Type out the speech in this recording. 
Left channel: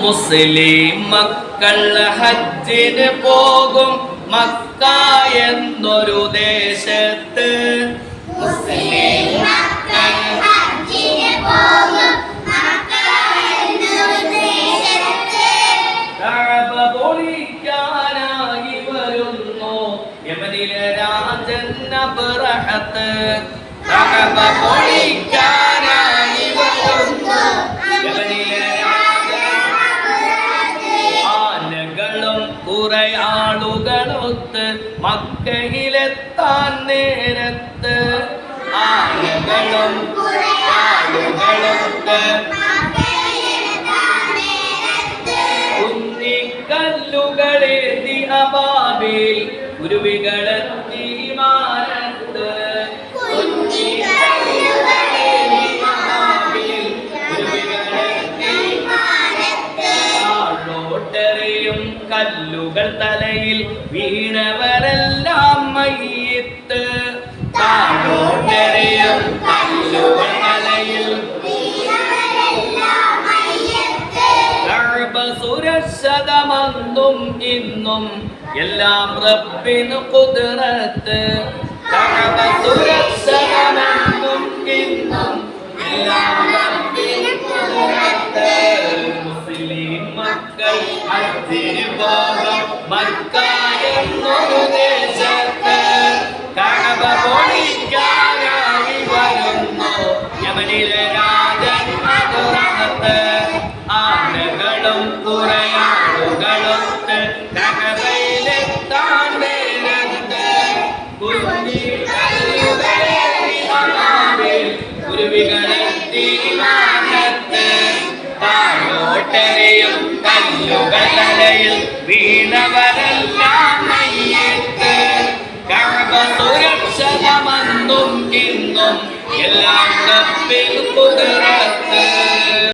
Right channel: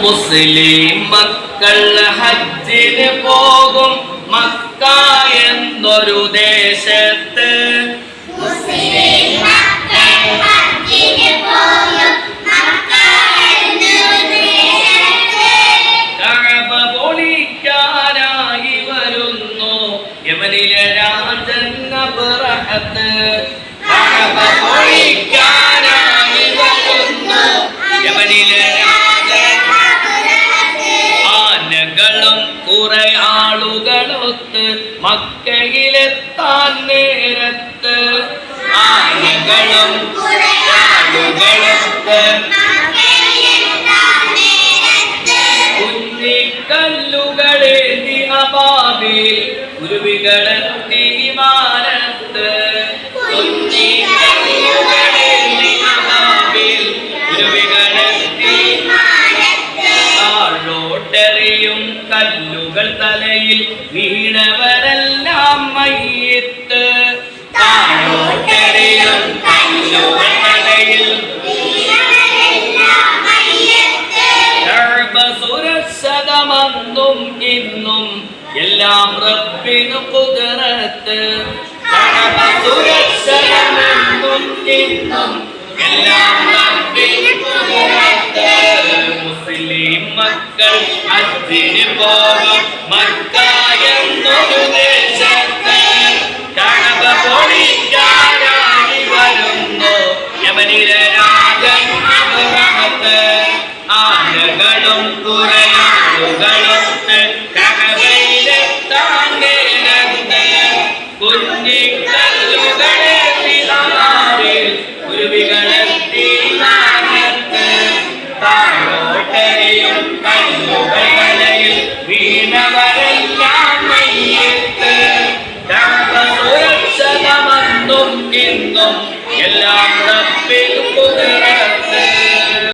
മുസ്ലിം മക്കൾ ഹജ്ജിന് പോകും മക്ക എന്നൊരു ദേശത്ത്. പൊളിക്കാനായി വരുന്നു യമനിലെ രാജൻ അബ്രഹത്ത് കഅബ പൊളിക്കാനായി വരുന്നു യമനിലെ കുറെ ആളുകളൊത്ത് മക്കയിലെത്താൻ നേരത്ത്. ആളുകളും ആളുകളൊത്ത് കുഞ്ഞിക്കല്ലുകളേന്തി അബാബിൽ കുരുവികളെത്തി വിമാനത്ത്. കുഞ്ഞിക്കല്ലുകളെ ദിനപാതിൽ കുരുവികളെത്തി കല്ലുകൾ തലയിൽ വീണവരെല്ലാം മയ്യത്ത് താഴോട്ടെറിയും തലയിൽ ഇന്നും എല്ലാം റബ്ബിന് കുതിരത്ത് കഅബ മക്കൾ അതിന് പോകും മക്ക എന്നൊരു ദേശത്ത് കണക പൊളിക്കാനായി വരുന്നു യമനിലെ രാജൻ അബ്രഹത്ത് ആനകളും കുറയാളുകളും കകവയിലെത്താൻ നേരത്ത് കുഞ്ഞിക്കല്ലുകളെ കുരുവികളെത്തി കല്ലുകൾ തലയിൽ വീണവരെല്ലാം മയ്യത്ത് കഅബ സുരക്ഷിതമെന്നും ഇന്നും എല്ലാം റബ്ബിൽ കുതിർ